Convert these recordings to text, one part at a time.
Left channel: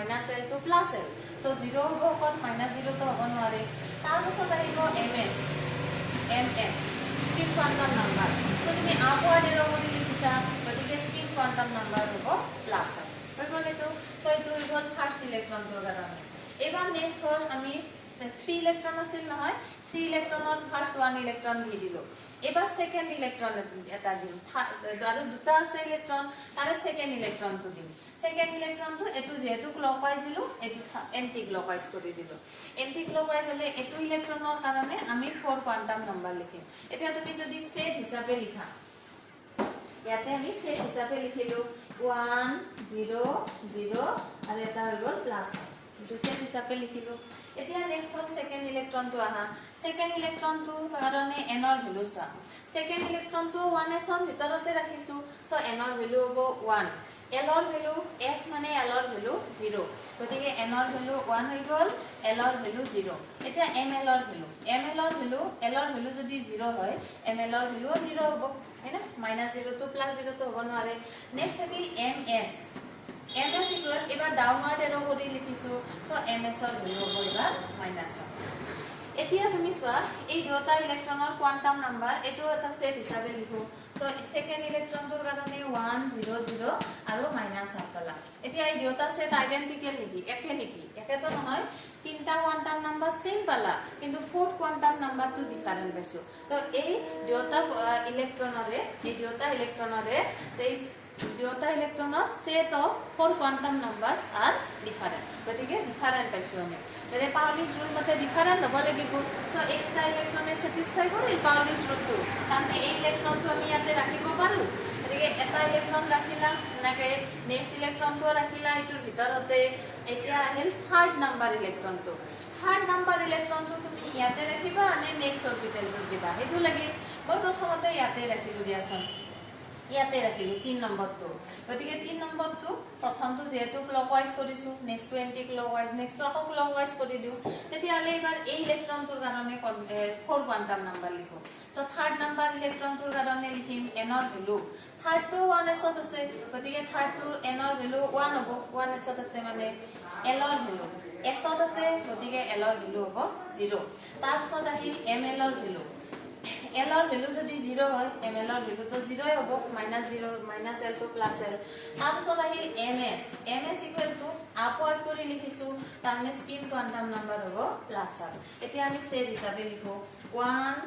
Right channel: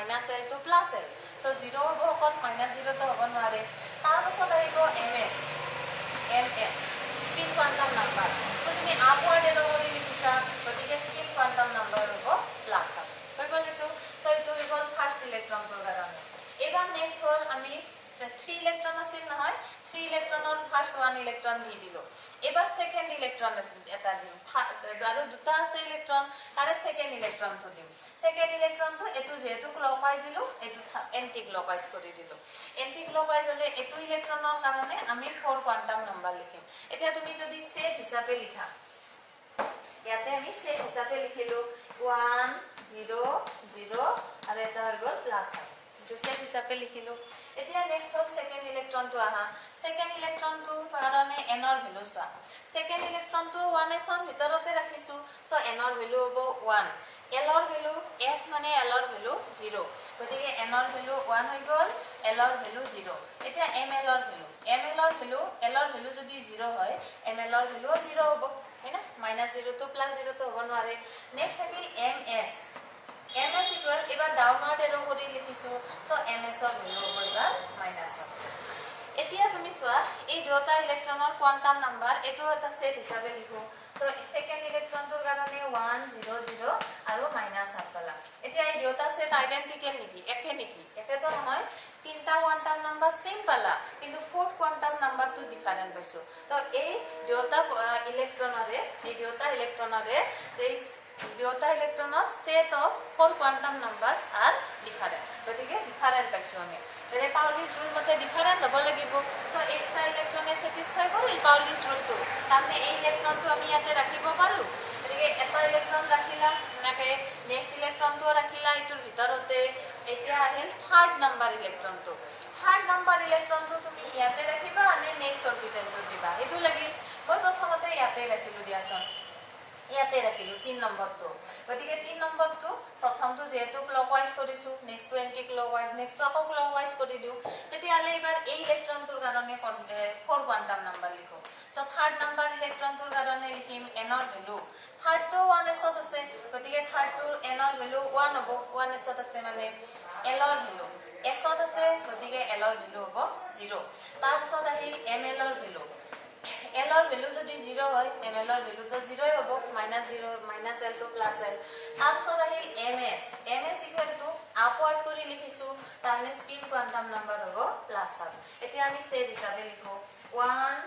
Minus l two plus l so 0 হ'ব অকল minus 0 তো হ'ব নোৱাৰে তাৰ পাছত আহিব ms স্পিন কোয়ান্টাম নাম্বাৰ তো তুমি আপওয়াৰ্ড এৰো কৰি লিখিছা গতিকে স্পিন কোয়ান্টাম নাম্বার হ'ব প্লাস হৈ গ'ল এটো সো এটো হৈ গ'ল ফার্স্ট ইলেক্ট্ৰনটোৰ কাৰণে এবাৰ নেক্সট হল আমি 3 ইলেক্ট্ৰন আছিল নহয় 3 ইলেক্ট্ৰনৰ ফাৰ্স্ট 1 ইলেক্ট্ৰন দি দিলো এবাৰ সেকেন্ড ইলেক্ট্ৰন এটা দিম আৰু দুটা আছে ইলেক্ট্ৰন তাৰে সেকেন্ড ইলেক্ট্ৰনটো দিম সেকেন্ড ইলেক্ট্ৰনটো এটো যেহেতু ক্লকৱাইজ দিলো এটো এন্টি ক্লকৱাইজ কৰি দিলো এন্টি ক্লকৱাইজ হলে এটো ইলেক্ট্ৰনৰ কাৰণে আমি 4 কোয়ান্টাম নাম্বার লিখিম এতিয়া তুমি যদি সেট হিচাপে লিখা ইয়াতে আমি সেট হিচাপে লিখিলো 1 0 0 আৰু এটা হৈ গ'ল প্লাস जो सेट हिसाबे लिखिलो এতিয়া নেক্সট হল সেকেন্ড ইলেক্ট্রনটো আহা সেকেন্ড ইলেক্ট্রনটো কাৰণে n ৰ ভ্যালু চোৱা সেকেন্ড ইলেক্ট্ৰনটো 1s ৰ ভিতৰতে ৰাখিছো সো n ৰ ভ্যালু হ'ব 1 l ৰ ভ্যালু s মানে l ৰ ভ্যালু 0 গতিকে n ৰ ভ্যালু 1 হৈ গল l ৰ ভ্যালু 0 এতিয়া ml ৰ ভ্যালু l ৰ ভ্যালু যদি 0 হয় ml ৰ ভ্যালু 0 হ'ব हैना -0 to +0 তো হ'ব নোৱাৰে নেক্সট থাকিল ms ms equal এবাৰ ডাউনৱাৰ্ড এৰো কৰি লিখিছো সো ms ৰ ভ্যালু হ'ব এবাৰ মাইনাস এতিয়া তুমি চোৱা এই দুটা ইলেক্ট্ৰনৰ কোয়ান্টাম নাম্বাৰ এটো এটা সেট হিচাপে লিখো সো সেকেন্ড ইলেক্ট্ৰনটোৰ কাৰণে 1 0 0 আৰু মাইনাস পালা এতিয়া এই দুটা সেট আইডেন্টিক্যাল নেকি একে তো নহয় তিনটা কোয়ান্টাম নাম্বার সেম পালা কিন্তু ফোর্থ কোয়ান্টাম নাম্বারটো ডিফারেন্ট পাইছো তো এই দুটা ইলেক্ট্ৰনৰে দুটা ইলেক্ট্ৰনৰ set of 4 quantum numbers are different গতিকে ডিফাৰেন্ট পাইছো আমি এৰে পাউলিস ৰুল মতে ডিফাৰেন্ট হ'ব লাগিব সো একটা ইলেক্ট্ৰনে স্যাটিসফাই কৰে এই পাউলিস ৰুলটো তাৰমানে এই ইলেক্ট্ৰনটো আমি ইয়াতে ৰাখিব পাৰো গতিকে এটা ইলেক্ট্ৰন ৰাখিলা নাকে নেক্সট ইলেক্ট্ৰনটো ৰাখিলা ইটোৰ ভিতৰতে এতিয়া আহিল থাৰ্ড নাম্বাৰ ইলেক্ট্ৰনটো তুমি ইয়াতে ৰাখিবা নে নেক্সট অৰবিটেলটো দিবা হেতু লাগি মই প্ৰথমতে ইয়াতে ৰাখিলো দিয়াছন ইয়াতে ৰাখিলো 3 নম্বৰটো গতিকে 3 নম্বৰটো প্ৰথমটো যেহেতু ক্লকৱাইজ কৰিছো নেক্সট এন্টি ক্লকৱাইজ নেক্সট আকৌ ক্লকৱাইজ কৰি দিও তেতিয়ালে এবাৰ এই ইলেক্ট্ৰনটোৰ কাৰণে 4 কোয়ান্টাম নাম্বাৰ লিখো সো থাৰ্ড নাম্বাৰ ইলেক্ট্ৰনটোৰ কাৰণে লিখিম n ৰ ভ্যালু থাৰ্ড টো 1s ত আছে গতিকে থাৰ্ড টো n ৰ ভ্যালু 1 হ'ব 1s ত আছে মানে l ৰ ভ্যালু s ত আছে গতিকে l ৰ ভ্যালু হ'ব 0 তাৰ পিছত আহিল ml ৰ ভ্যালু l ৰ ভ্যালু যদি 0 হয় ml ৰ ভ্যালু তো 0 হ'ব -0 -l to +l তাৰ পিছত আহিল ms ইকুৱেল টু আপওয়াৰ্ড কৰি লিখিছো তাৰনে স্পিন কোয়ান্টাম নাম্বার হ'ব +r এতিয়া আমি সেট হিচাপে লিখো 1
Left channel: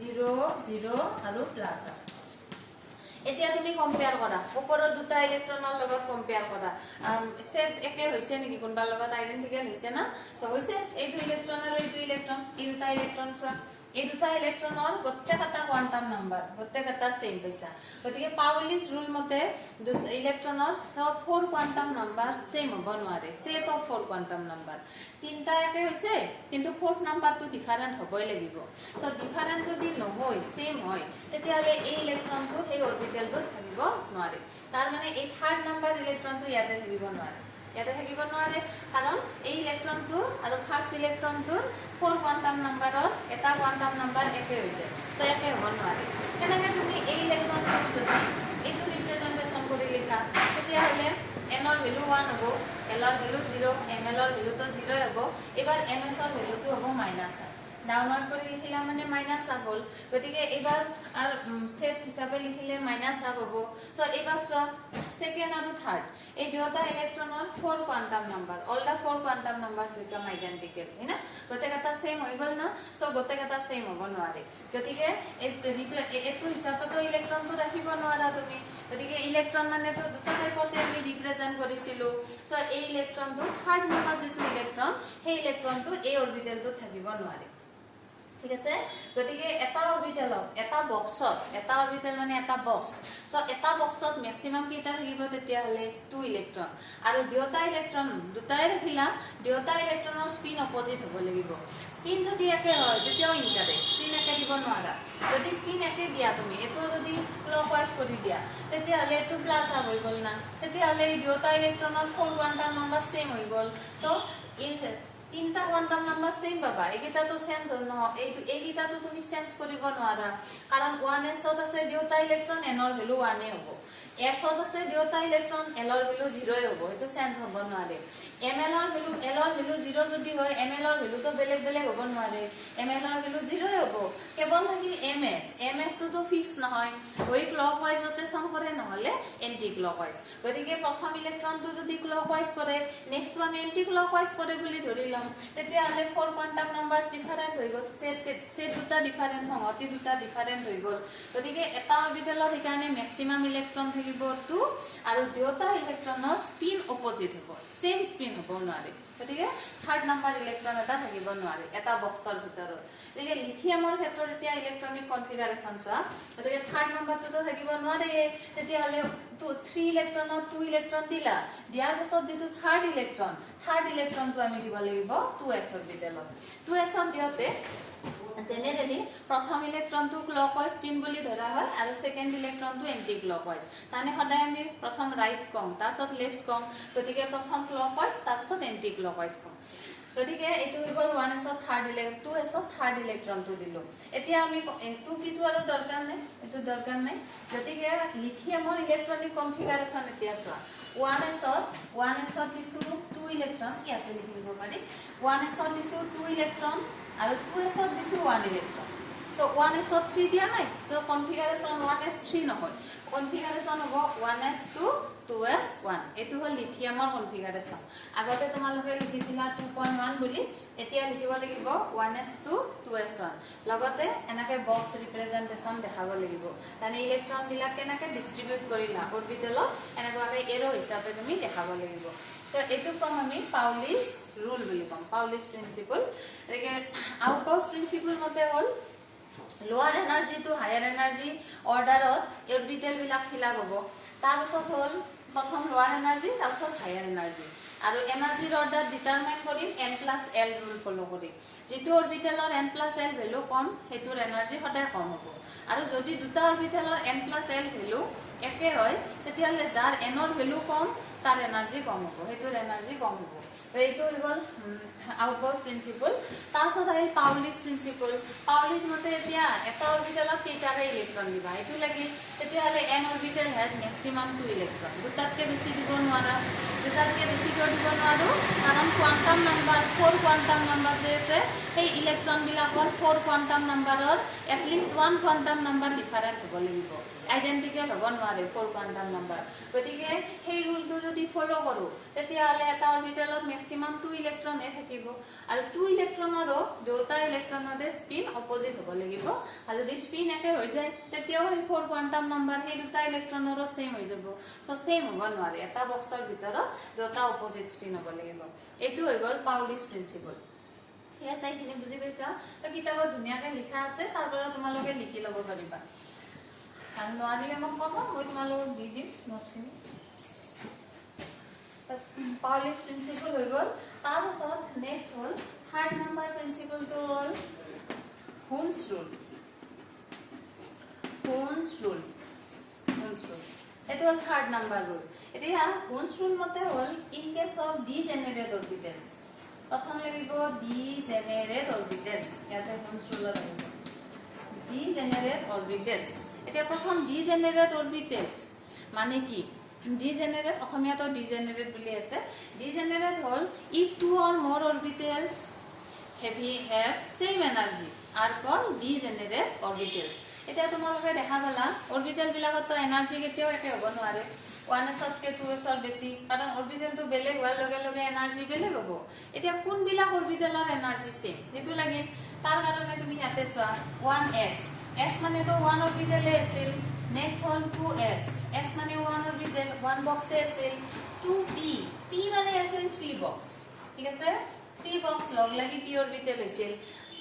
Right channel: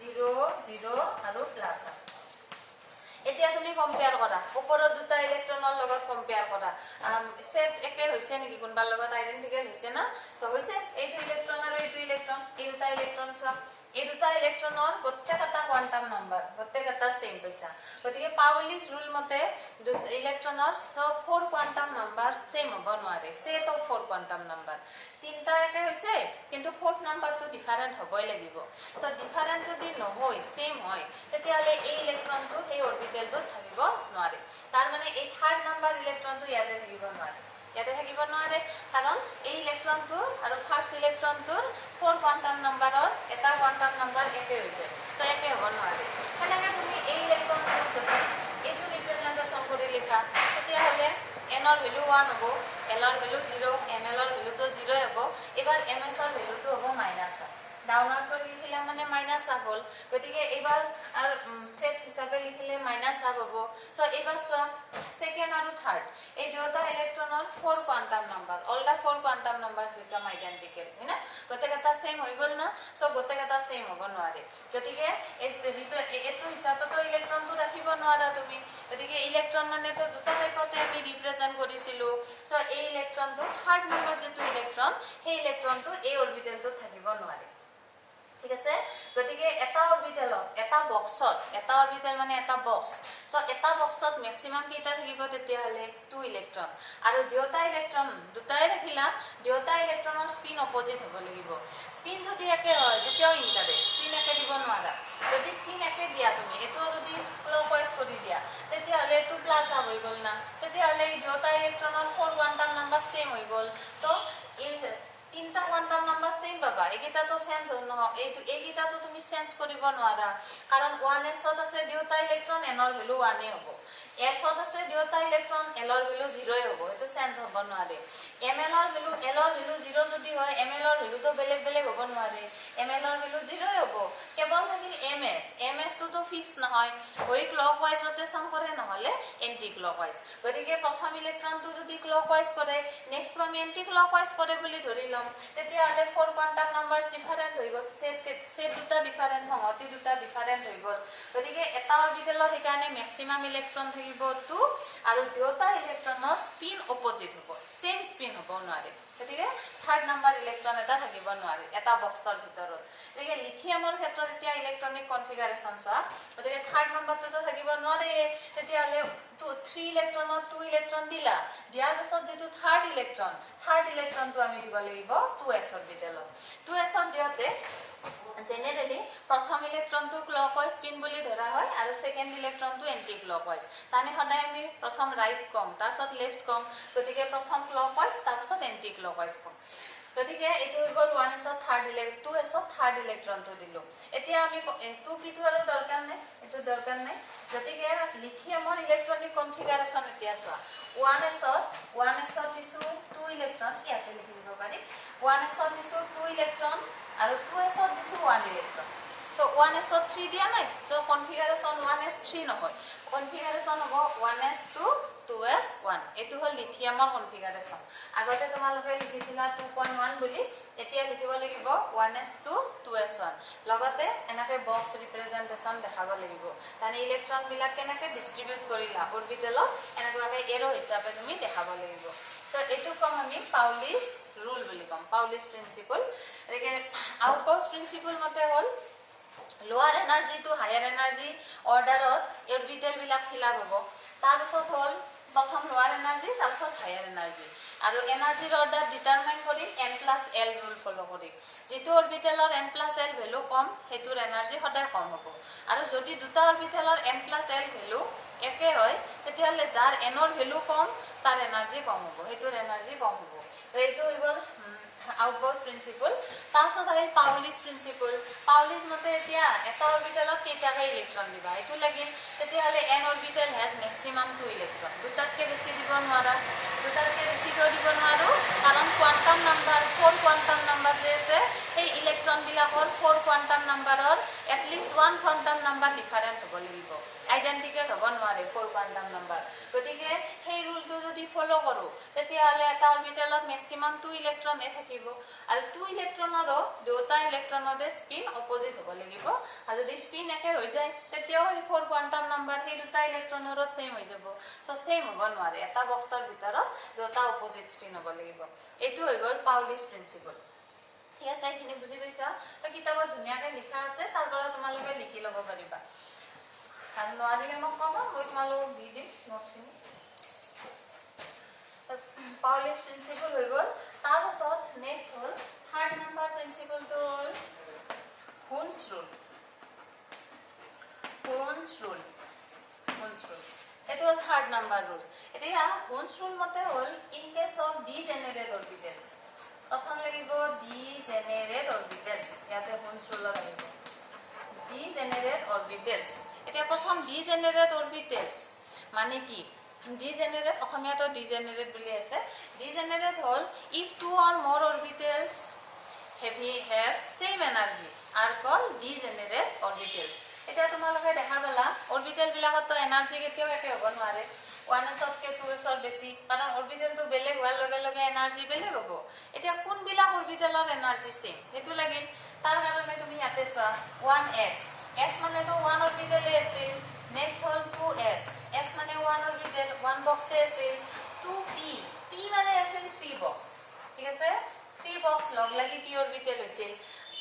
0 0 আৰু +r এতিয়া তুমি কম্পেয়াৰ কৰা ওপৰৰ দুটা ইলেক্ট্ৰনৰ লগত কম্পেয়াৰ কৰা সেট একে হৈছে নেকি কোনবাৰ লগত আইডেন্টিক্যাল হৈছে না সো হৈছে এই দুই ইলেক্ট্ৰন আৰু এই দুই ইলেক্ট্ৰন এই দুটা ইলেক্ট্ৰন চোৱা এই দুটা ইলেক্ট্ৰনৰ প্ৰত্যেকটা কোয়ান্টাম নাম্বাৰ প্ৰত্যেকটা সেম পইছা গতিকে পাউলিস ৰুল মতে ইলেক্ট্ৰনৰ সব 4 কোয়ান্টাম নাম্বাৰ সেম হ'ব নোৱাৰে সেট অফ 4 কোয়ান্টাম নাম্বার তিনটা একে হৈছে কিন্তু ফোর্থ নাম্বারটো ডিফারেন্ট হ'বই লাগিব সো ডিফারেন্ট যদি নহয় সেম হয় তেতিয়ালে এই ইলেক্ট্রনটো সেই অৰবিটেলটো থাকিব নোৱাৰে তাৰ মানে এই থাৰ্ড নাম্বাৰ ইলেক্ট্ৰনটো ইয়াতে থাকিব নোৱাৰে কাৰণ এই ইলেক্ট্ৰনটো আৰু ফাৰ্স্ট ইলেক্ট্ৰনটোৰ 4 কোয়ান্টাম নাম্বাৰৰ এটা কোয়ান্টাম নাম্বাৰ একে হৈছে তো একে হ'ব নোৱাৰে হেনেকে তুমি এই ইলেক্ট্ৰনটো যদি এইটো ৰিপ্ৰেজেন্টেশন কৰি লিখা তেতিয়াহলে n ৰ ভ্যালু 1 হ'ব l ৰ ভ্যালু 0 ml ৰ ভ্যালু তো 0 হ'ব এবাৰ ms ৰ ভ্যালুটো হ'ব -r ডাউনলোড কৰি লিখিলে মানে -r হ'ল গতিকে এবাৰ সেট হিচাপে লিখিলে -r হ'ব সো এবাৰ সেকেন্ড আৰু থাৰ্ড এই দুটা ইলেক্ট্ৰনৰ 4 quantum number all the 4 quantum numbers became identical हैना গতেকটা সেম হৈ গল না সো গতেকটা সেম হ'ব নোৱাৰে গতিকে এটো হিচাপটো ইলেক্ট্ৰনটো ৰাখিব নোৱাৰা তুমি গতিকে ইলেক্ট্ৰন মানে তো দুটা টাইপতে আমি ৰিপ্ৰেজেন্ট কৰিছিলো সো এই ইলেক্ট্ৰনটো থাৰ্ড নাম্বাৰ যেটো ইলেক্ট্ৰন সেই ইলেক্ট্ৰনটো এই অৰবিটেলটো থাকিব নোৱাৰে ঠিক আছে গতিকে এটা অৰবিটেল মানে এটা বক্স সো এটা বক্সত ম্যাক্সিমাম কেইটা থাকিব তেতিয়া হলে 2 ইলেক্ট্রন আৰু দুটা ইলেক্ট্ৰন দুটাই ৰাখিলা দুটা ইলেক্ট্ৰনৰ স্পিন অপোজিট হ'ব লাগিব স্পিন যদি একে হয় তেতিয়াও ইনকাৰেক্ট স্পিন একে দিব নোৱাৰা যদি স্পিন একে দিয়া তুমি এটো যদি ক্লকৱাইজ কৰি দিয়া তেতিয়া হলে এটো প্লাস আপ হৈ গল না তেতিয়া হলে দুটা ইলেক্ট্ৰনৰ 4 কোয়ান্টাম নাম্বার সেম হৈ গল সো তিনটা কোয়ান্টাম নাম্বার সেম পাবা এইকেইটা তো চেঞ্জ নহয় এইকেইটা তো তুমি চেঞ্জ কৰিব নোৱাৰা কাৰণ 1s ত আছে দুটা ইলেক্ট্ৰন n ৰ ভ্যালু 1 এ হ'ব s ত আছে দুটা ইলেক্ট্ৰন l ৰ ভ্যালু 0 এ হ'ব এটো চেঞ্জ হ'ব নোৱাৰে ml ৰ ভ্যালু l ৰ ভ্যালু 0 যদি হয় ml ৰ ভ্যালু তো বেলেগ বেলেগ হ'ব নোৱাৰে ml ৰ ভ্যালু 0 এ হ'ব কেৱল থাকিল ms তো ফিক্স নহয় হৈ ক্লকৱাইজ rotation কৰে নহলে এন্টি ক্লকৱাইজ গতিকে প্ৰথম ইলেক্ট্ৰনটো যদি ক্লকৱাইজ কৰে নেক্সট আমি এন্টি ক্লকৱাইজ কৰে বুলি ধৰি লম তেতিয়া হলে 4 কোয়ান্টাম নাম্বাৰস ডিফাৰেন্ট হৈ গল সেট দুটা ডিফাৰেন্ট সংহতি দুটা ডিফাৰেন্ট হৈ গল গতিকে এটা অৰবিটেলৰ ঠিকানে ম্যাক্সিমাম ইলেক্ট্ৰন থাকিব 2 আৰু দুটা ইলেক্ট্ৰনৰ স্পিন অপোজিট হ'ব সেম স্পিন হ'ব নোৱাৰে গতিকে থাৰ্ড নাম্বাৰ ইলেক্ট্ৰন এটা থাকিব নোৱাৰে এটা বক্সৰ ভিতৰত গতিকে লিথিয়ামৰ ক্ষেত্ৰত এতিয়া ইলেক্ট্ৰনিক কনফিগাৰেশন চোৱা গতিকে থাৰ্ড নাম্বাৰটো থাকিব নোৱাৰে তেতিয়া হলে 3 ইলেক্ট্ৰনৰ 2 ইলেক্ট্ৰন দিলা দিয়াৰ পিছত যেটো থাৰ্ড ইলেক্ট্ৰনটো আমি দিব লাগিব 2s অৰবিটেলত 2s দিওতে জেনেৰেলি প্ৰথম ইলেক্ট্ৰনটো ক্লকৱাইজ স্পিন বুলি ধৰা হয় আৰু সেকেন্ড ইলেক্ট্ৰনটো এন্টি ক্লকৱাইজ তানে সদায় আমি প্ৰথম ৰাইট কম তাৰপিছত লেফট কম গতিকে প্ৰথম ক্লকৱাইজ তাৰপিছত এন্টি ক্লকৱাইজ কম গতিকে এটো হৈ গল 1s third electron 2s third ইলেক্ট্ৰনটো দিলো এতিয়া আমি 2p2 আৰু দৰকাৰ নাই এটো দৰকাৰ নাই গতিকে লিথিয়ামৰ ইলেক্ট্ৰনিক কনফিগাৰেশন এতিয়া চোৱা 1s দিছো 2 ইলেক্ট্ৰন ইয়াতে লিখি দিব পাৰি 1s দিছো 2 ইলেক্ট্ৰন আৰু 2s দিছো 1 ইলেক্ট্ৰন so 1s 3 দিয়া নাই so কনফিগাৰেশন 1s 3 নহয় কনফিগাৰেশন হ'ব 1s 2 2s 1 এটো হল লিথিয়ামৰ কনফিগাৰেশন আগতে তোমালোকে লিখিছিলা 2.1 বুলি এতিয়া লিখিব লাগিব 1s 2 2s 1 লগতে এনেকৈ বক্স ৰিপ্ৰেজেন্টেশন দেখাব লাগিব মানে ইলেক্ট্ৰন বিলাক কেনেকৈ ডিস্ট্ৰিবিউট কৰিলা অৰবিটেলত এনেকুৱাকৈ এৰো হিচাপে তুমি দেখাব লাগিব so এটো কম আমি পাউলিছ ৰুল বুলি কম পাউলিছ প্ৰিন্সিপল একে আউটবাউন্স প্ৰিন্সিপল মতে হল লোৱাৰ এনাৰ্জি টু হায়াৰ এনাৰ্জি অৰ্ডাৰত অৰবিটেল বিলাক ফিলাপ হ'ব তাৰ পিছত হল প্ৰথম লোৱাৰ এনাৰ্জি তাৰ পিছত হায়াৰ এনাৰ্জি আৰু এনাৰ্জিৰ অৰ্ডাৰ ডিটাৰমাইন কৰিম n+l ৰুল ফলো কৰিম যেটো অৰবিটেলৰ n+l ভ্যালু কম হেতুৰ এনাৰ্জি সদায় কম হ'ব আৰু যদি দুটা অৰবিটেলৰ n+l ভ্যালু একে হয় তেতিয়ালে যাৰ n ৰ ভ্যালু কম তাৰ এনাৰ্জি কম হ'ব হেতুৰ এনাৰ্জি কম হ'ব এইটো হৈ গল আউটবাউন্স প্ৰিন্সিপল তাৰপিছত আহিল পাউলিছ প্ৰিন্সিপল পাউলিছ মতে এতিয়া এটা অৰবিটেলত কেইটাকে ইলেক্ট্ৰন দিবা এটো লাগিল তেতিয়ালে n orbital has maximum 2 electron দুটাতকে বেছি দিব নোৱাৰা দুটাতকে বেছি দিব নোৱাৰো কাৰণ কোয়ান্টাম নাম্বাৰ 4 কোয়ান্টাম নাম্বাৰ যে আছে সেই ইলেক্ট্ৰন বিলাকৰ 4 কোয়ান্টাম নাম্বাৰৰ at list 1 quantum number different হ'ব লাগিব আইডেন্টিকেল হ'ব নোৱাৰে 4 কোয়ান্টাম নাম্বাৰ গতিকে সেই ৰুলটো যদি ফলো কৰো তেতিয়ালে এটা অৰবিটেলত ম্যাক্সিমাম 2 ইলেক্ট্ৰন থাকিব আৰু 2 ইলেক্ট্ৰনৰো দুটা ইলেক্ট্ৰনৰ স্পিন অপোজিট হ'ব লাগিব আৰু যদি স্পিন একে হৈ যায় তেতিয়াও 4 কোয়ান্টাম নাম্বাৰ সেই দুটা ইলেক্ট্ৰনৰো সেম হৈ যাব সো সেম হ'ব নোৱাৰে এটা বক্সৰ ভিতৰত দুটা অপোজিট স্পিন হ'ব লাগিব এটো হৈ গল পাউলিছ প্ৰিন্সিপল ঠিক আছে এখিনি বুজি পাইছা তো কিতাপত ধুনিয়াকৈ লিখা আছে তাৰ পৰা তোমালোকে লিখি ল'ব পাৰিবা আৰু নোৱাৰিলে মোক ক'ব মই তোমালোকক দি দিম নোটখিনি পাউলিছ প্ৰিন্সিপল হৈ গল তাৰ পিছত নেক্সট হল থাৰ্ড নাম্বাৰ প্ৰিন্সিপলটো হল হুনছ ৰুল এটো হল থাৰ্ড নাম্বাৰ ৰুল এতিয়া হুনছ ৰুল মতে হল ইন কেস অফ ডিজেনাৰেট অৰবিটেলস প্ৰথম লাগিব ডিজেনাৰেট অৰবিটেলস ইয়াতে হুনছ ৰুলত আহিব ডিজেনাৰেট অৰবিটেলস এতিয়া প্ৰথম ডিজেনাৰেট অৰবিটেলস মানে কি ডিজেনাৰেট অসমীয়াটো ডিজেনাৰেট বুলি আছে ডিজেনাৰেট হল if two or more orbitals have same energy are called degenerate orbitals এটা তোমালোকে দেখা পালা অৰবিটেল বিলাকতো এনাৰ্জি কেতিয়াও একে হ'ব নোৱাৰে 1s কে 2s বেছি কাৰণ অৰবিটেলটো বেলেগ হোৱাৰ লগে লগে এনাৰ্জি বেলেগ হ'ব এতিয়া কোন বিলাক অৰবিটেলৰ এনাৰ্জি সেম হেতু লাগিল তাৰ কাৰণে তুমি ইয়াতে চোৱা 1s s মানে তো 1 অৰবিটেলে আছিল নেক্সট হল 2s s মানে 1 অৰবিটেল 1 বক্সে আছিল 2p p মানে আছিল 3 বক্স ঠিক আছে 3 বক্স লগ লাগি p অৰবিটেল হৈছিল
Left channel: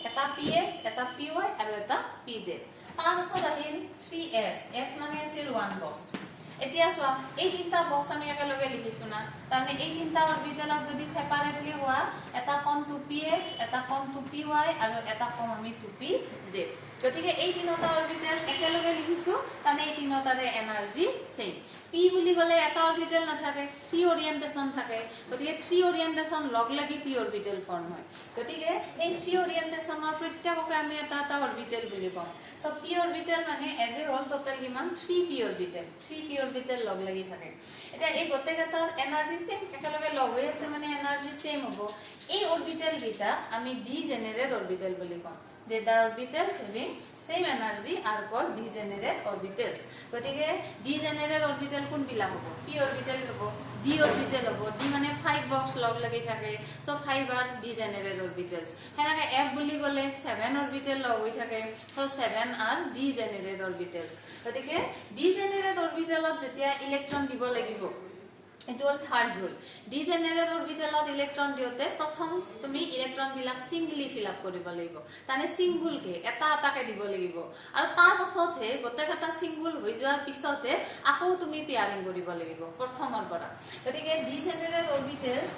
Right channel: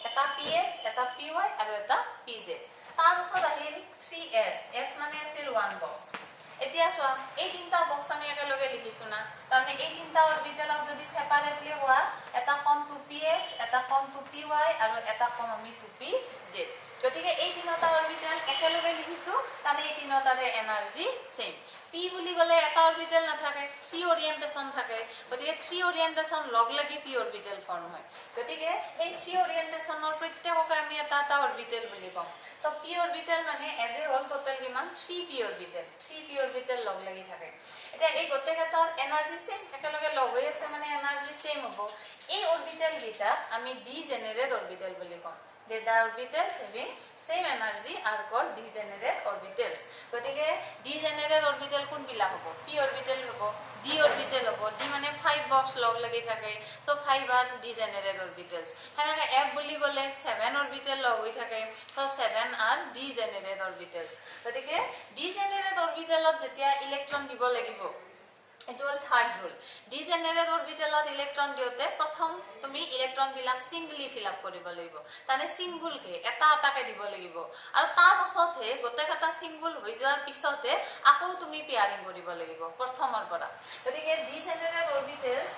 এটা ps এটা py আৰু এটা pz তাৰ পিছত আহিল 3s s মানে আছিল 1 বক্স এতিয়া চোৱা এই তিনটা বক্স আমি একেলগে লিখিছো না তাৰমানে এই তিনটা অৰবিটেলক যদি সেপাৰেটলি হোৱা এটা কম 2ps এটা কম 2py আৰু এটা কম আমি 2pz গতিকে এই তিনটা অৰবিটেল একেলগে লিখিছো তাৰমানে এই তিনটাৰে এনাৰ্জি সেম পি বুলি গলে এটা অৰবিটেল নাথাকে, 3 ওৰিয়েন্টেশন থাকে, গতিকে 3 ওৰিয়েন্টেশন লগ লাগি পি অৰবিটেল ফৰ্ম হয়। গতিকে এই 3 ওৰিয়েন্টেশনৰ প্ৰত্যেককে আমি এটা এটা অৰবিটেল বুলি কওঁ। সো পি অৰবিটেল মানে এজ এ হোল টোটাল কিমান 3 পি অৰবিটেল, 3 পি অৰবিটেল লগ লাগি থাকে। এতিয়া এই গোটেইকেইটাৰ এনাৰ্জি সেম, একেলগে লগ হৈ আছে মানে এনাৰ্জি সেম হ'ব। এই অৰবিটেল কেইটা আমি ডিজেনাৰেট অৰবিটেল বুলি কওঁ। The orbitals having same energy are called degenerate orbitals. গতিকে degenerate orbital কোন বিলাক হ'ব? p orbital হ'ব, d orbital হ'ব, d মানে 5 বক্স লগ লাগি থাকে, সো 5 আর degenerate orbitals। হেনাকে f বুলি গলে 7 orbital লগ হৈ থাকে, সো 7 আর degenerate orbitals। গতিকে degenerate orbitalত যেতিয়া ইলেক্ট্ৰন দিব লাগিব, এটো হল থাৰ্ড ৰুল। ডিজেনাৰেট অৰবিটালত ইলেক্ট্ৰন দিওতে প্ৰথম তুমি ইলেক্ট্ৰন বিলাক সিঙ্গলি ফিল আপ কৰিব লাগিব, তানে সিঙ্গল কে এটা এটাকে দিব লাগিব, আৰু তাৰ পাছতহে গোটেইটা সিঙ্গল হৈ যোৱাৰ পিছতে আকৌ তুমি পেয়াৰিং কৰিব লাগিব প্ৰথমৰ পৰা। গতিকে degenerate orbitals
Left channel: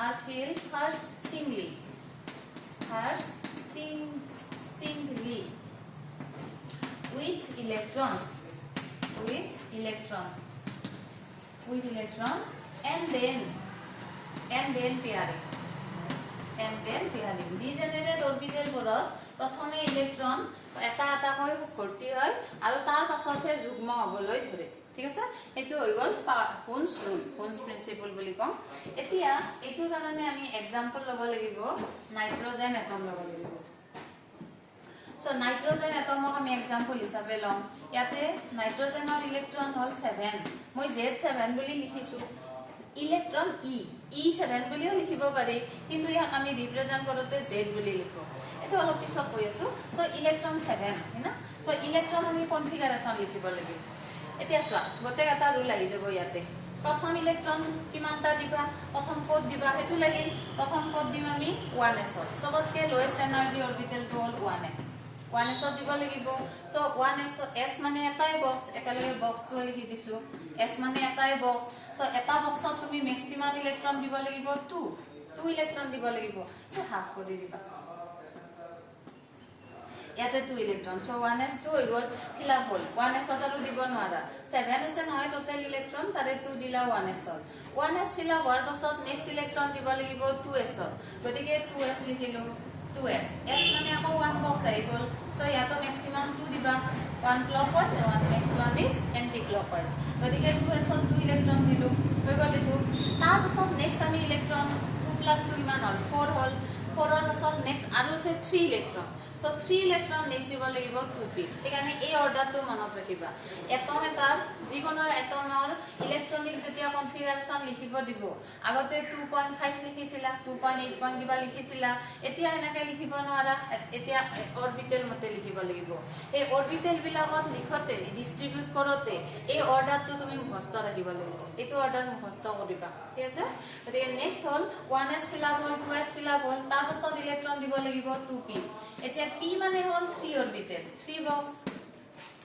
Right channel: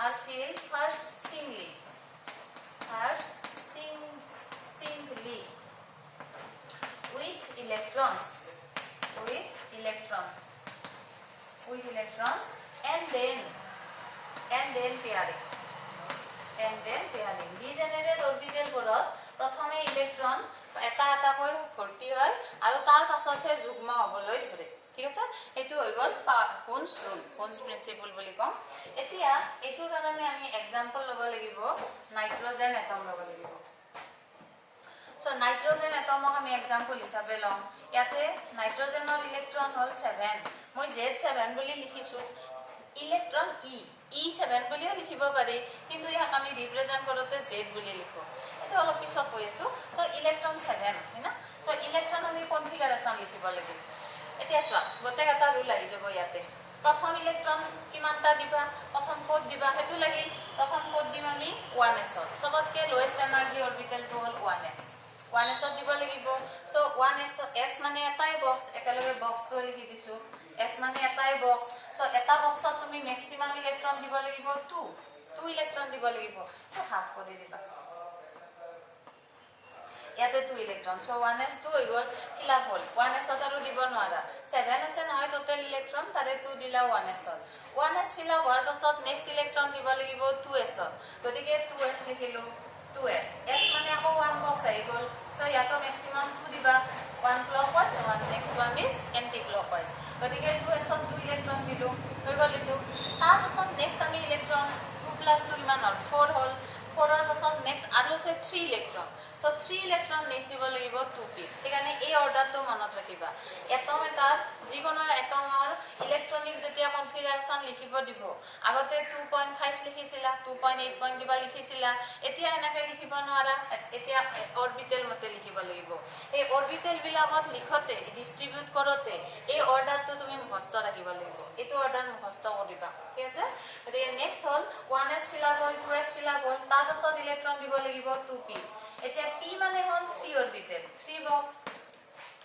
are filled first singly with electrons and then pairing degenerate orbital borat prothome electron eta eta koi bhorti hoy aru tar pasothe jugma hoboloi dhore, ঠিক আছে। এটো হৈ গল হোনস রুল, হোনস প্রিন্সিপল বুলি কম। এতিয়া এটোৰ কাৰণে আমি এক্সাম্পল লব লাগিব, নাইট্ৰজেন এটম লব লাগিব। So nitrogen atom আমি एग्जांपल হিসাবে লম। ইয়াতে নাইট্ৰজেনৰ ইলেক্ট্ৰন হল 7, মই Z7 বুলি লিখিছো। ইলেক্ট্ৰন E7 বুলিও লিখিব পাৰি, কিন্তু ইয়াক আমি ৰিপ্ৰেজেন্ট কৰোতে Z বুলি লিখো। এটো অলপ পিছত কৈ আছো। সো ইলেক্ট্ৰন 7 হয়না। সো ইলেক্ট্ৰন আমি কনফিগাৰেশন লিখিব লাগিব। এতিয়া চোৱা গোটেইটা ৰুল আহি যাব ইয়াতে। প্ৰথম ইলেক্ট্ৰন কিমানটা দিবা, প্ৰথম কোড দিবা, হেতু লাগিল প্ৰথম কোড দিম আমি 1s। সবতকে লোয়েষ্ট এনাৰ্জি অৰবিটেলটো হল 1s, 1s দিব লাগিব। সো 1s s মানে এটাই বক্স, একেলগে বক্সটো লিখি দিছো, s মানে এটাই বক্স। সো এটা বক্সত তুমি ম্যাক্সিমাম ইলেক্ট্ৰন দিব লাগিব 2 ইলেক্ট্ৰন দিব লাগিব, তো হাফ কৰি দিবা। ইয়াতে 2 ইলেক্ট্ৰন, সো 1s 2 হৈ গল, ফিল আপ হল। 1s আৰু দিব নোৱাৰা, 7 আছে নহয় টোটাল ইলেক্ট্ৰন, তাৰে 2 দিলা 1s। 1s ফিল আপ হোৱাৰ পাছত নেক্সট ইলেক্ট্ৰন দিব লাগিব 2s। গতিকে 2s লিখিলো, 2s s মানে আকৌ 1 বক্স আহি গল। সো ইয়াতো ম্যাক্সিমাম 2 দিবা, 1 clockwise, one next one is anti clockwise। গতিকে 2s 2 ইলেক্ট্ৰন দিলো, হৈ গল এটো। তাৰ পাছত নেক্সট আমি ইলেক্ট্ৰন 2 + 2 কিমান হল 4 হল। 4 ৰ পাছত নেক্সট আৰু আছে 3 ইলেক্ট্ৰন। সো 3 ইলেক্ট্ৰন নেক্সট দিব লাগিব 2p। এখানে এই অৰ্ডাৰটো মনত ৰাখিবা। এটম এটা যিকোনো এটমৰ ইলেক্ট্ৰনিক যেতিয়া কনফিগাৰেশন লিখিব দিব, আগতে 2.5 লিখিছিলা, 2.8 পইণ্ট কিবা লিখিছিলা, এতিয়া এনেকে লিখিব নোৱাৰা, এতিয়া অৰবিটেল মতে লিখিব লাগিব। এই অৰবিটেল বিলাকত লিখতে ডিস্ট্ৰিবিউট কৰোতে এই অৰ্ডাৰটো তুমি মুখস্থ ৰাখিব লাগিব। এইটো অৰ্ডাৰ মুখস্থ কৰিবা, ঠিক আছে। গতিকে নেক্সট হল 1s ফিল আপ হল, 2s ফিল আপ হল, তাৰ পাছত ইলেক্ট্ৰন দিব লাগিব 2p। এতিয়া p মানে হল 3 অৰবিটেল, 3 বক্স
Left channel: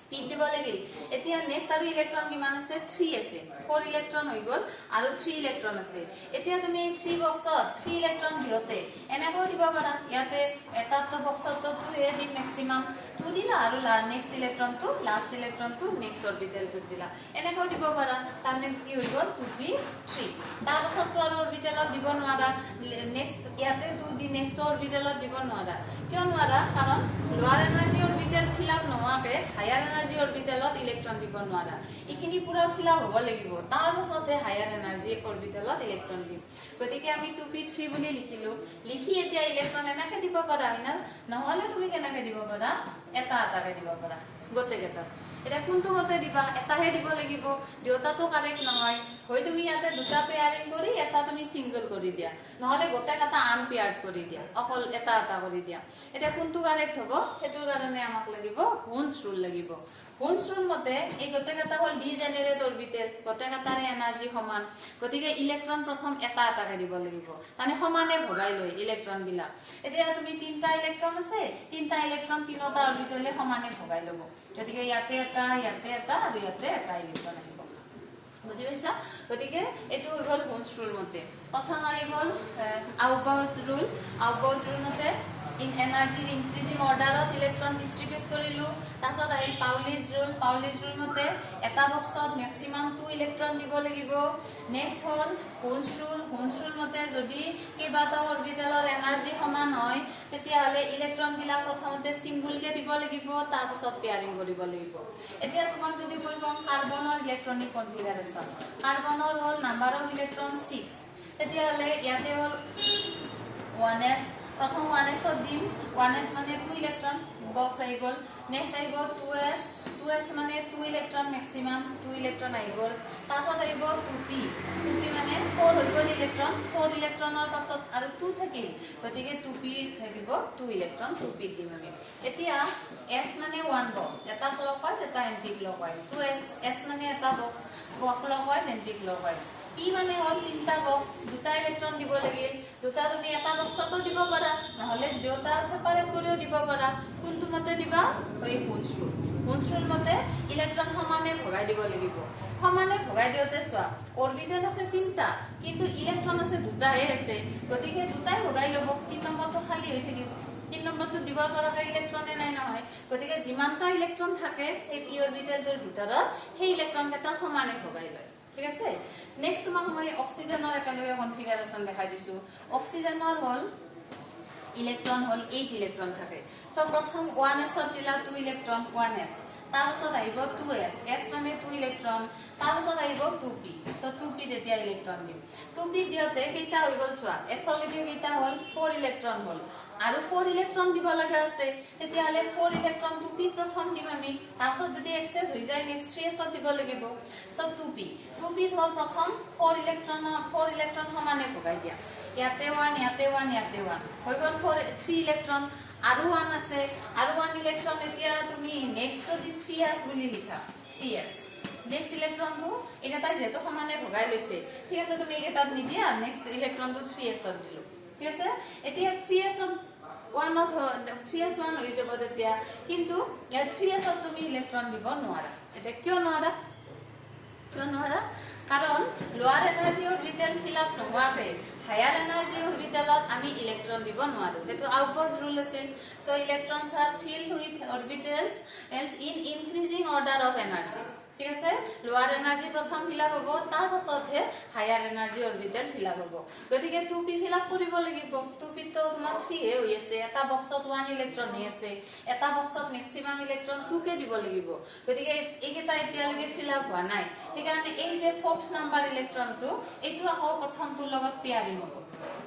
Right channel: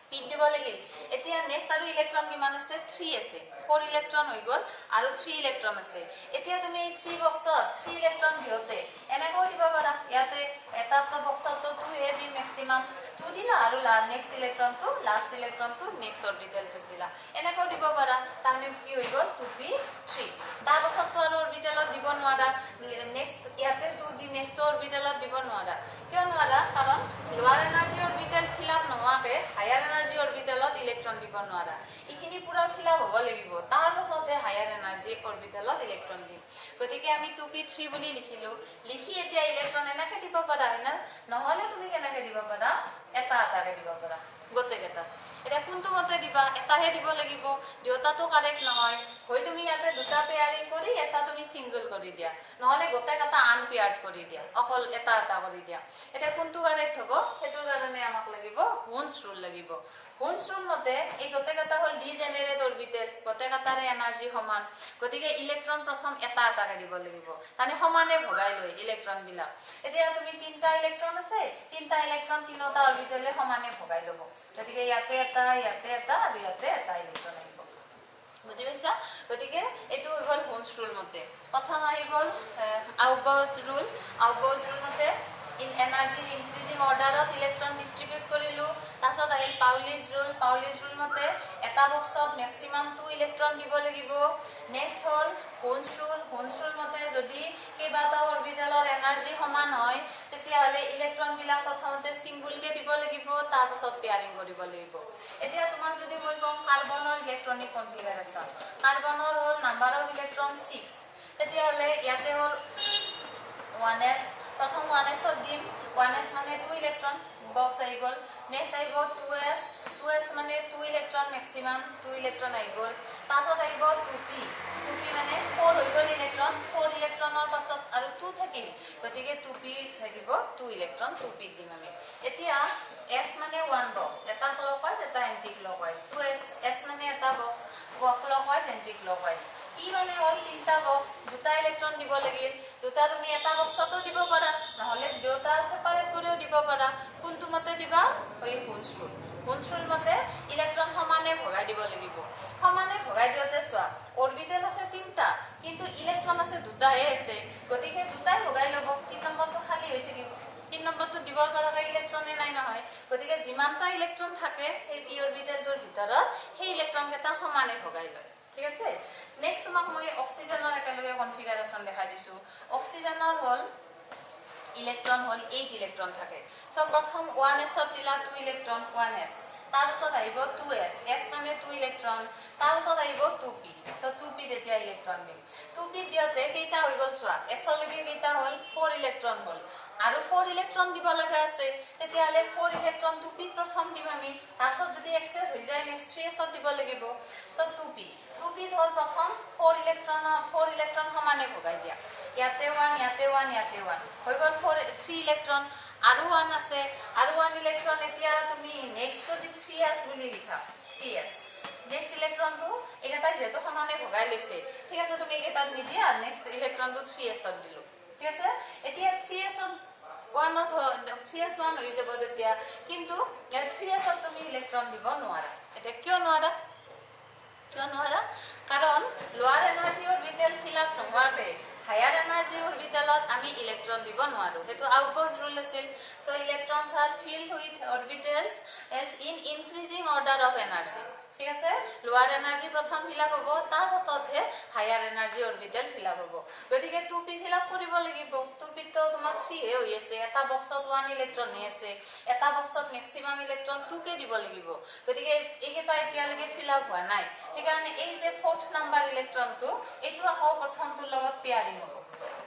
p দিব লাগিল। এতিয়া নেক্সট আৰু ইলেক্ট্ৰন কিমান আছে 3 আছে, 4 ইলেক্ট্ৰন হৈ গল আৰু 3 ইলেক্ট্ৰন আছে। এতিয়া তুমি 3 বক্সত 3 ইলেক্ট্ৰন দিওতে এনেকৈ দিব পাৰা, ইয়াতে এটাটো বক্সত 2 এ দি ম্যাক্সিমাম 2 দিলা আৰু নেক্সট ইলেক্ট্ৰনটো লাস্ট ইলেক্ট্ৰনটো নেক্সট অৰবিটেলটো দিলা, এনেকৈ দিব পাৰা। তাৰমানে কি হৈ গল 2p3। তাৰ পাছতটো আৰু অৰবিটেলত দিব নোৱাৰা, নেক্সট ইয়াতে 2 দি নেক্সট অৰবিটেলত দিব নোৱাৰা। কিয় নোৱাৰা? কাৰণ lower energy orbital fill up নোহোৱাকে হায়াৰ এনাৰ্জি অৰবিটেলত ইলেক্ট্ৰন দিব নোৱাৰা। ইখিনি পুৰা ফিল আপ হ'ব লাগিব, তাৰ পাছতহে হায়াৰ এনাৰ্জি অৰবিটেলত ইলেক্ট্ৰন দিম। গতিকে আমি 2p3 বুলি লিখিলো। লিখি এতিয়া ইলেক্ট্ৰন এনেকে দিব পাৰা না, নহলে তুমি কেনেকে দিব পাৰা, এটা এটাকে দিব পাৰা গোটেইকেইটা। এটা কোনটো মতে দিবা, এটাহে দিব লাগিব, দুটাটো কাৰেক্ট নহয়। হয় তুমি ইয়াতে দুটা পেয়াৰিং কৰি এটা তুমি সিঙ্গল কৰি দিয়া, নহলে গোটেইকেইটা আনপেয়াৰ্ড কৰি দিয়া, অকল এটা এটা কৰি দিয়া। এটা কোনটো কাৰেক্ট হ'ব, হেতুৰ কাৰণে আমাক লাগিব হোনস ৰুল লাগিব। হোনস ৰুল মতে এই গোটেইকেইটা হল ডিজেনাৰেট অৰবিটেল, গোটেইকেইটাৰে এনাৰ্জি সমান। গতিকে ইলেক্ট্ৰন প্ৰথম এটা এটাকে দিব লাগিব, মানে সমানে ভগাই লয় ইলেক্ট্ৰন বিলাক। এতিয়া তুমি 3টা ইলেক্ট্ৰন আছে, 3টা ইলেক্ট্ৰন 3টা অৰবিটেলে সমানে ভগাই লব। গতিকে ইয়াতে এটা, ইয়াতে এটা আৰু ইয়াতে এটা ইলেক্ট্ৰন আহিব, বুজি পাইছা? গতিকে এইটো হৈ গল হোনস ৰুল মতে। প্ৰথম আহি গল আউবাউছ ৰুল। আউবাউছ ৰুল মতে ইন এনাৰ্জিৰ ইনক্ৰিজিং অৰ্ডাৰত ইলেক্ট্ৰন ডিষ্ট্ৰিবিউট কৰিলোঁ তাৰপিছত আহিল পাউলিছ ৰুল মতে এটা বক্সত মেক্সিমাম 2 ইলেক্ট্ৰন দিব লাগিব নেক্সট হ'ল হোনছ ৰুল মতে যদি কেইবাটাও অৰবিটেলৰ এনাৰ্জি সমান হয় তেতিয়াহ'লে ইলেক্ট্ৰনবিলাক প্ৰথমতে সিংগুলকে দিব লাগিব তাৰপিছত পেয়াৰিং কৰিব লাগিব এতিয়া তোমাক যদি মই কওঁ কাৰ্বনৰ ইলেক্ট্ৰনিক কনফিগাৰেশ্যন কাৰ্বনৰ হ'ল নাম্বাৰ অফ ইলেক্ট্ৰন 6 তেতিয়াহ'লে ইয়াতে হ'ল 1s प्रथम 1s दिम 1s माने 2 इलेक्ट्रॉन बॉक्स आई गल नेक्स्ट आई गो 2s माने 2 इलेक्ट्रॉन मैक्सिमम 2 इलेक्ट्रॉन आई गल पाছত आई गो 2p माने 4 হৈ গল ইলেক্ট্ৰন 4 ইলেক্ট্ৰনৰ পাছত আৰু 2 থাকিল গতিকে 2p থাকিব 2 ইলেক্ট্ৰন 2p দিম আমি এতিয়া s মানে 1 বক্স এটা ক্লকৱাইজ এটা এন্টি ক্লকৱাইজ 2s s মানে এটা box clockwise anti clockwise p মানে হল তিনটা বক্স দুটা ইলেক্ট্ৰন দিব লাগিল দুটা তুমি এটা বক্সতো দিব পাৰা নহলে দুটা সেপাৰেট কৰিও দিব পাৰা কোনটো মতে দিবা ওই হোনছ ৰুল মতে ইলেক্ট্ৰন সমানে ভগাই দিব লাগিব সমানে ভগাই দিওতে সোৱা অৰবিটেল আছে তিনটা কিন্তু ইলেক্ট্ৰন আছে দুটাহে আছে গতিকে দুটাই ভগাই লব 3 নম্বৰটো খালি হৈ থাকিব 3 নম্বৰটো দিবৰ কাৰণে ইলেক্ট্ৰনে নাই নহয় গতিকে যিমানটা ইলেক্ট্ৰন থাকে এই পি অৰবিটেলটোৰ ভিতৰত সেই ইলেক্ট্ৰন কেইটা সমানে ভগাই লয় ঠিক আছে নেক্সট তোমাক মই অক্সিজেনৰ একেলগে কনফিগাৰেশ্যন দেখাই দিছো অক্সিজেনৰ হল ইলেক্ট্ৰন হল 8 ইলেক্ট্ৰন থাকে সো প্ৰথম 1s দিলা 2 ইলেক্ট্ৰন 1s তাৰপিছত আহিব 2s s মানে 2 ইলেক্ট্ৰন তাৰপিছত আহিব 2p সো 2p তেতিয়া ইলেক্ট্ৰন দিম 2p দিওতে কেইটা হৈ গল সোৱা s লগে কেইটা হল 4 ইলেক্ট্ৰন হল আৰু 4 ইলেক্ট্ৰন দিব লগা আছে তেতিয়া হলে 4 ইলেক্ট্ৰন 2p প্ৰথম দিম আমি তাৰপিছত যদি এক্সেস হৈ যায় নেক্সট 3s দিব লাগিব সো 2p হল প্ৰথম 4 ইলেক্ট্ৰন সমানে ভগাই দিয়া ইয়াতে 1 ইয়াতে 1 ইয়াতে 1 হৈ গল 3 ইলেক্ট্ৰন আৰু 1 আছে আৰু 1 ইলেক্ট্ৰন এতিয়া তুমি নেক্সট যদি 3s বুলি লিখা 3s নেক্সট ইলেক্ট্ৰনটো এটা যেটো সমানে ভগাই লৈছে ঠিক আছে তুমি এটা নিদিয়া নেক্সট ইলেক্ট্ৰনটো 3s দিলো ঠিক আছে এতিয়া 3s 1 হৈ যাব তেতিয়া কিন্তু 3s তুমি ইলেক্ট্ৰন দিব নোৱাৰা এটা কিয় নোৱাৰা কাৰণ lower energy orbital fill up নোহোৱাকে হায়াৰ এনাৰ্জি অৰবিটেলত আমি ইলেক্ট্ৰন দিব নোৱাৰো এটো আউটগোজ ৰুল আছিল so electrons are filled with orbitals in increasing order of energy ঠিক আছে লোৱাৰ এনাৰ্জি প্ৰথম ফিল আপ হ'ব তাৰ পাছতহে higher energy orbital fill up হ'ব গতিকে 2p ফিল আপ কৰিব লাগিব 2p তো তোমাৰ 3 হে হৈ আছে এটা বক্সত 1 ইলেক্ট্ৰন হে আছে এটা বক্সত মেক্সিমাম ইলেক্ট্ৰন 2 কে দিব লাগিব গতিকে এইকেইটা এতিয়ালৈকে ফিল আপ হোৱা নাই সেইকাৰণে এই যে 4th নাম্বাৰ ইলেক্ট্ৰনটো এইটো আকৌ প্ৰথমটোৰ লগত পেয়াৰিং হ'ব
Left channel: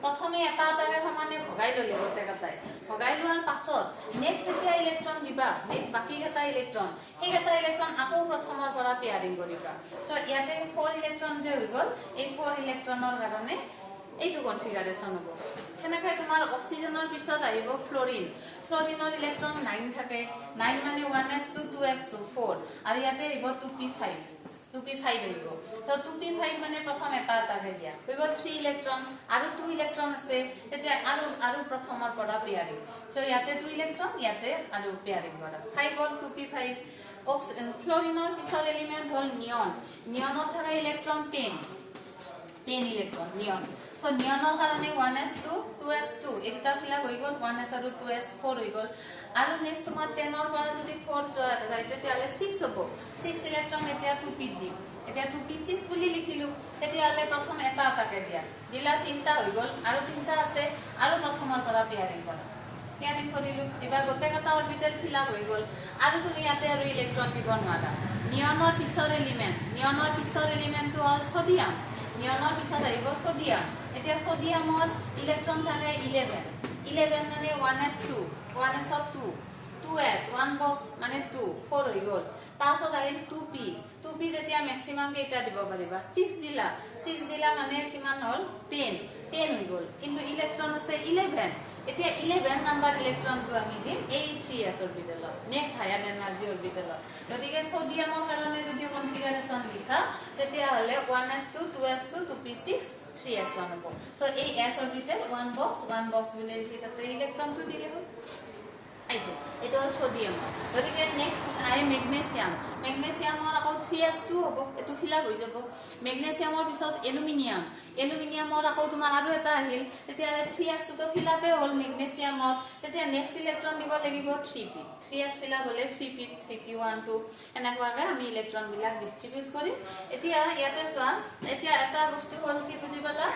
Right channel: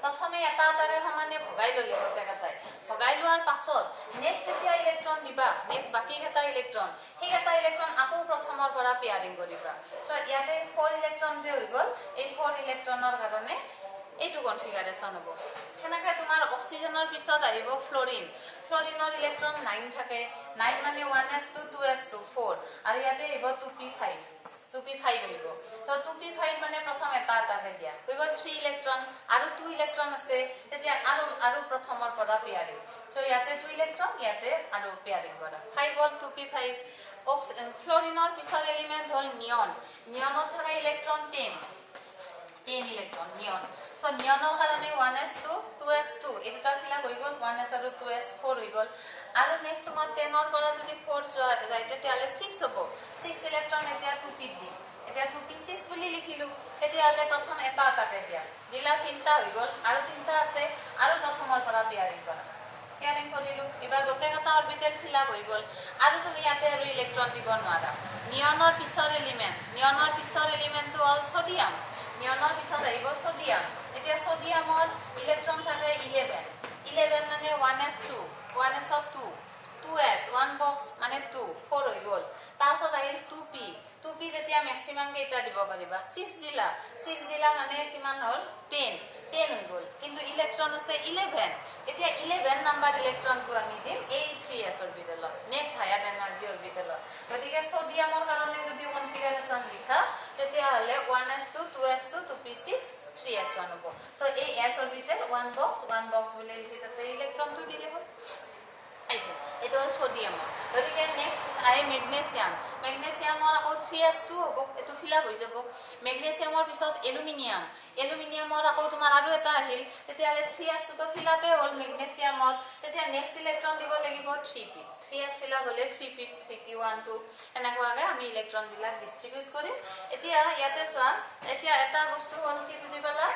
প্ৰথমে এটা এটাকে সমানে ভগাই ললে গোটেইকেইটাই ভগাই লোৱাৰ পাছত নেক্সট এতিয়া ইলেক্ট্ৰন দিবা নেক্সট বাকি কেইটা ইলেক্ট্ৰন সেই কেইটা ইলেক্ট্ৰন আকৌ প্ৰথমৰ পৰা পেয়াৰিং কৰিবা সো ইয়াতে 4 ইলেক্ট্ৰন যে হৈ গল এই 4 ইলেক্ট্ৰনৰ কাৰণে এইটো কনফিগাৰেশ্যন হ'ব হেনেকৈ তোমাৰ অক্সিজেনৰ পিছত আহিব ফ্লোৰিনৰ ইলেক্ট্ৰন 9 থাকে 9 মানে 1s2 2s2 4 আৰু ইয়াতে আহিব 2p5 আহিব সো 2p5 মানে প্ৰথম এটা এটাকে দিয়া হৈ গল 3 ইলেক্ট্ৰন আৰু 2 ইলেক্ট্ৰন আছে তেতিয়া আৰু প্ৰথমৰ পৰা পেয়াৰিং সো ইয়াতে 2 ইলেক্ট্ৰন ইয়াতে আৰু পেয়াৰিং কৰা 5 হ'ল 2p5 ফ্লোৰিনৰ পিছৰ এলিমেন্ট হ'ল নিয়নত থকা ইলেক্ট্ৰন 10 ইলেক্ট্ৰন নিয়ন সো নিয়নৰ কাৰণে 1s2 2s2 এটা ফিল আপ হৈ গল 1s আৰু 2s 4 হৈ গল আৰু নেক্সট তোমাৰ 10 ৰ পৰা যদি 4 যায় তেতিয়ালে 6 হ'ব 6 ইলেক্ট্ৰন এতিয়া 2p দিম এতিয়া 2p6 বুলি লিখিলো তেতিয়ালে প্ৰথম এটা এটাকে দিয়া দিলা তিনটা হৈ গল আৰু তিনটা আছে আৰু প্ৰথমৰ পৰা পেয়াৰিং কৰা পেয়াৰিং কৰিলো এবাৰ গোটেইটা অৰবিটেল ফিল আপ হৈ গল আৰু তুমি ইয়াতে আৰু ইলেক্ট্ৰন দিব নোৱাৰা নিয়নৰ পিছৰ এলিমেন্টটো হ'ল সোডিয়াম নিয়নৰ পিছত আহিব সোডিয়াম এতিয়া সোডিয়ামৰ ইলেক্ট্ৰন থাকে 11 মানে 1s2 2s 1 বক্স মানে 2 4 হৈ গল তাৰপিছত আহিল 2p তেতিয়া ম্যাক্সিমাম কেইটা দিব পাৰিবা 6 দিলা মানে কিমান হ'ল 10 হৈ গল কিন্তু ইলেক্ট্ৰন আছে 11 এতিয়া 11 নাম্বাৰ ইলেক্ট্ৰনটো আমি দিম এই 3s অৰবিটেলত নেক্সট হায়াৰ এনাৰ্জি অৰবিটেলত গতিকে সোডিয়ামৰ কাৰণে যদি কনফিগাৰেশ্যন লিখা তেতিয়া হলে 1s2 2s2 2p6 3s1 হ'ব সো এই s অৰবিটেল 1 বক্স বুলি লিখি তাতে ইলেক্ট্ৰনটো দিলে হ'ল এইটো হ'ল সোডিয়াম গতিকে নেক্সট আহে মেগনেছিয়াম মেগনেছিয়ামৰ আকৌ 3s2 হ'ব এটো ফিল আপ হৈ যাব মেগনেছিয়ামৰ পিছত এলুমিনিয়ামৰ আকৌ তোমাৰ আৰু এটা আহিল তেতিয়ালে 3s2 তো ফিল আপে হ'ল মেগনেছিয়ামত তেতিয়া নেক্সট ইলেক্ট্ৰন দিব লাগিব 3p 3s ফিল আপ হলে 3p 3p1 2 এনেকুৱাকে আমি ইলেক্ট্ৰন বিলাক ডিস্ট্ৰিবিউট কৰিম এতিয়া ইয়াতে চোৱা এতিয়া এটা বস্তু হ'ল কি বুজি পালা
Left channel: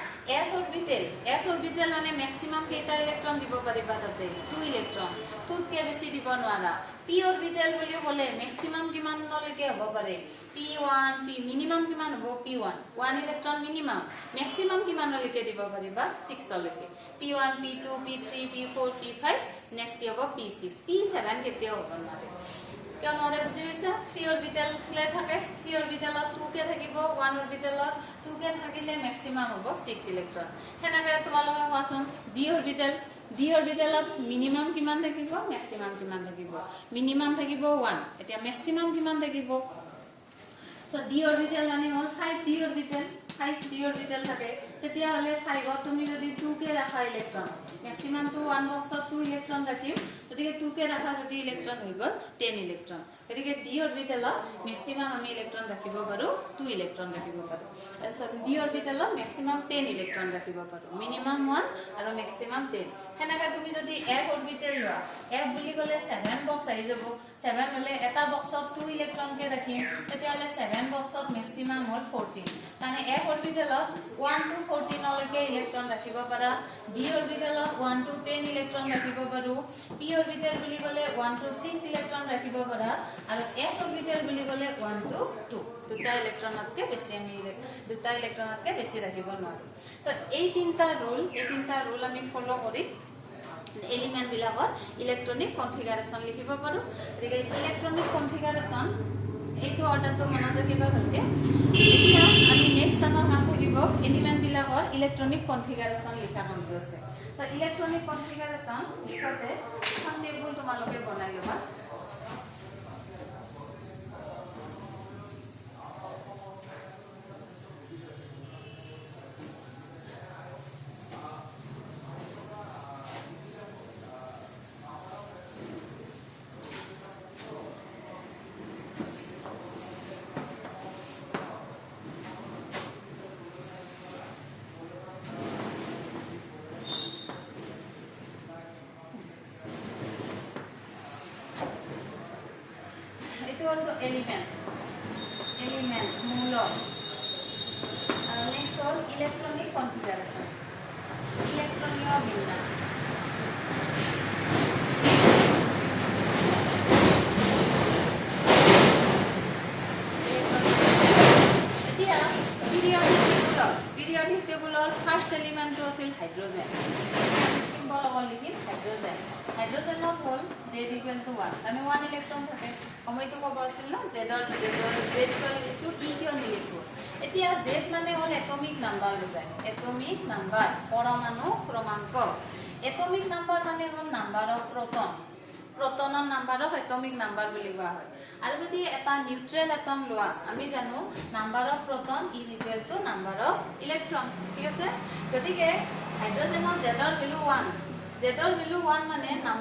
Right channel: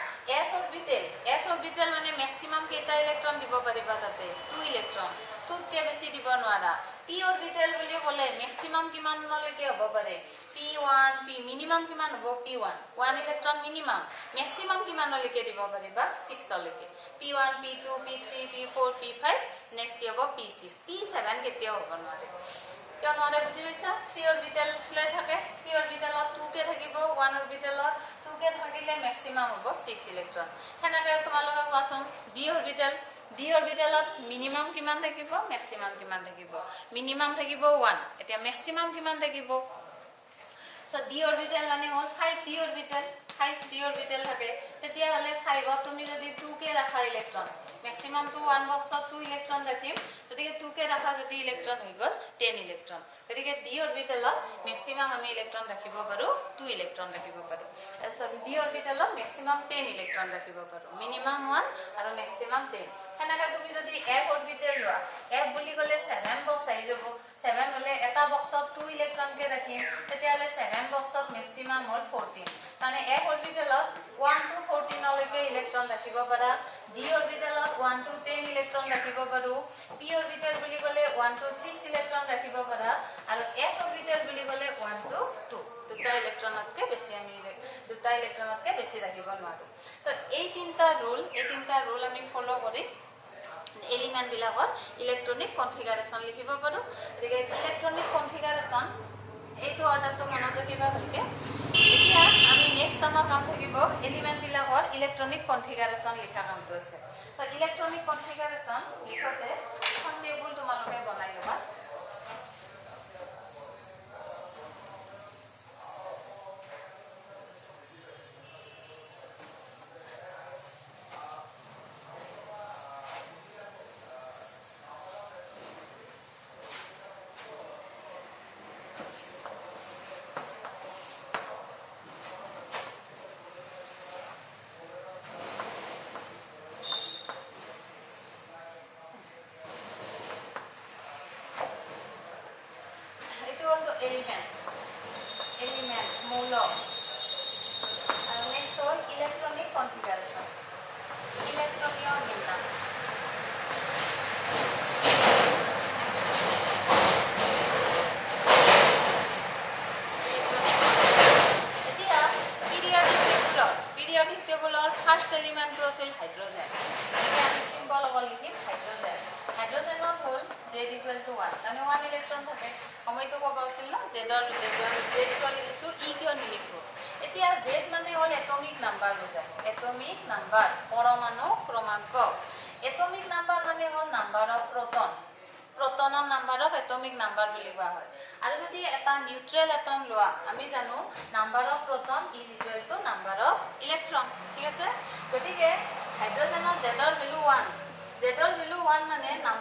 s অৰবিটেল মানে ম্যাক্সিমাম কেইটা ইলেক্ট্ৰন দিব পাৰিবা তাতে 2 ইলেক্ট্ৰন টুতকে বেছি দিব নোৱাৰা p অৰবিটেল বুলি ক'লে ম্যাক্সিমাম কিমানলৈকে হ'ব পাৰে p1 p মিনিমাম কিমান হ'ব p1 1 ইলেক্ট্ৰন মিনিমাম ম্যাক্সিমাম কিমানলৈকে দিব পাৰিবা 6 লৈকে p1 p2 p3 p4 p5 next কি হ'ব p6 p7 কেতিয়াও হ'ব নোৱাৰে কিয় নোৱাৰে বুজি পাইছা 3 অৰবিটেল লৈ থাকে 3 অৰবিটেলত 2 কে থাকিব 1 অৰবিটেলত 2 কে থাকিলে ম্যাক্সিমাম হ'ব 6 ইলেক্ট্ৰন হেনেকে তোমালোকে কোৱাচোন d অৰবিটেলত মিনিমাম কিমান থাকিব ম্যাক্সিমাম কিমান থাকিব মিনিমাম থাকিব 1 এতিয়া ম্যাক্সিমাম কিমান থাকিব সো d অৰবিটেল মানে হ'ল 5d অৰবিটেল থাকে তেতিয়া হলে 5 ত তুমি যদি 2 কে ৰাখা ইলেক্ট্ৰন ম্যাক্সিমাম তো 1 বক্সত 2 ইলেক্ট্ৰন ৰাখিম গতিকে 2 কে ৰাখা যদি ইলেক্ট্ৰন হৈ গল 10 ইলেক্ট্ৰন গতিকে d অৰবিটেলত ম্যাক্সিমাম আমি ইলেক্ট্ৰন ৰাখিব পাৰো 2 ইলেক্ট্ৰন ৰাখিব পাৰো সো d অৰবিটেলত ম্যাক্সিমাম 10 ইলেক্ট্ৰন ৰাখিব পাৰো মিনিমাম 1 আৰু ম্যাক্সিমাম 10 হেনেকা তুমি যদি f অৰবিটেল লোৱা f বুলি কলে 7 বক্স আহি যাব 7 হলে এটা বক্সত 2 ইলেক্ট্ৰন কে ৰাখিম তেতিয়া হলে 7 বক্সত ম্যাক্সিমাম হ'ল 14 মানে f অৰবিটেলত 1 to 14 লৈকে ইলেক্ট্ৰন ৰাখিব পাৰা d অৰবিটেলত 1 to 10 ইলেক্ট্ৰন ৰাখিব পাৰো p অৰবিটেল বুলি কলে 1 to 6 ইলেক্ট্ৰন ৰাখিব পাৰা আৰু s অৰবিটেল বুলি কলে 1 to 2 দুটা ইলেক্ট্ৰনতকে বেছি ৰাখিব নোৱাৰো সো এই তিনটা ৰুল আমি ফলো কৰি এলিমেন্ট বিলাকৰ ইলেক্ট্ৰনিক কনফিগাৰেশন লিখিব পাৰো গতিকে ইলেক্ট্ৰনিক কনফিগাৰেশন এইটো অৰ্ডাৰটো মনত ৰাখিবা ভালকে এতিয়া আমি নেক্সট আমাৰ কাম থাকিব এলিমেন্ট বিলাকৰ ইলেক্ট্ৰনিক কনফিগাৰেশন লিখা কামটো আছে সো ইলেক্ট্ৰনিক কনফিগাৰেশন লিখতে এখন টেবুল তোমালোকে বনাই লবা element মৌল আৰু নেক্সট হ'ল ইলেক্ট্ৰনিক কনফিগাৰেশন ইলেক্ট্ৰনীয় বিন্যাস এতিয়া পিৰিয়ডিক টেবুলৰ ফাৰ্স্ট এলিমেন্টটো আছিল হাইড্ৰোজেন এতিয়া আমি সিম্বল অকল লিখিম হাইড্ৰোজেনত হ'ল z = 1 আমি 1 ইলেক্ট্ৰন থাকে সময়টো কব আছিল না z লিখিছো e কিয় নিলিখো এতিয়া z মানে হ'ল এটমিক নাম্বাৰ বুজায় এটমিক নাম্বাৰ পৰমাণু ক্ৰমাঙ্ক এটমিক নাম্বাৰ মানে হ'ল নাম্বাৰ অফ প্ৰটনৰ নাম্বাৰক এটমিক নাম্বাৰ বুলি কোৱা হয় আৰু যদি এটা নিউট্ৰেল এটম লোৱা আমি জানো number of proton = number of electron ঠিক আছে গতিকে হাইড্ৰোজেনৰ z ৰ ভ্যালু 1 মানে নাম্বাৰ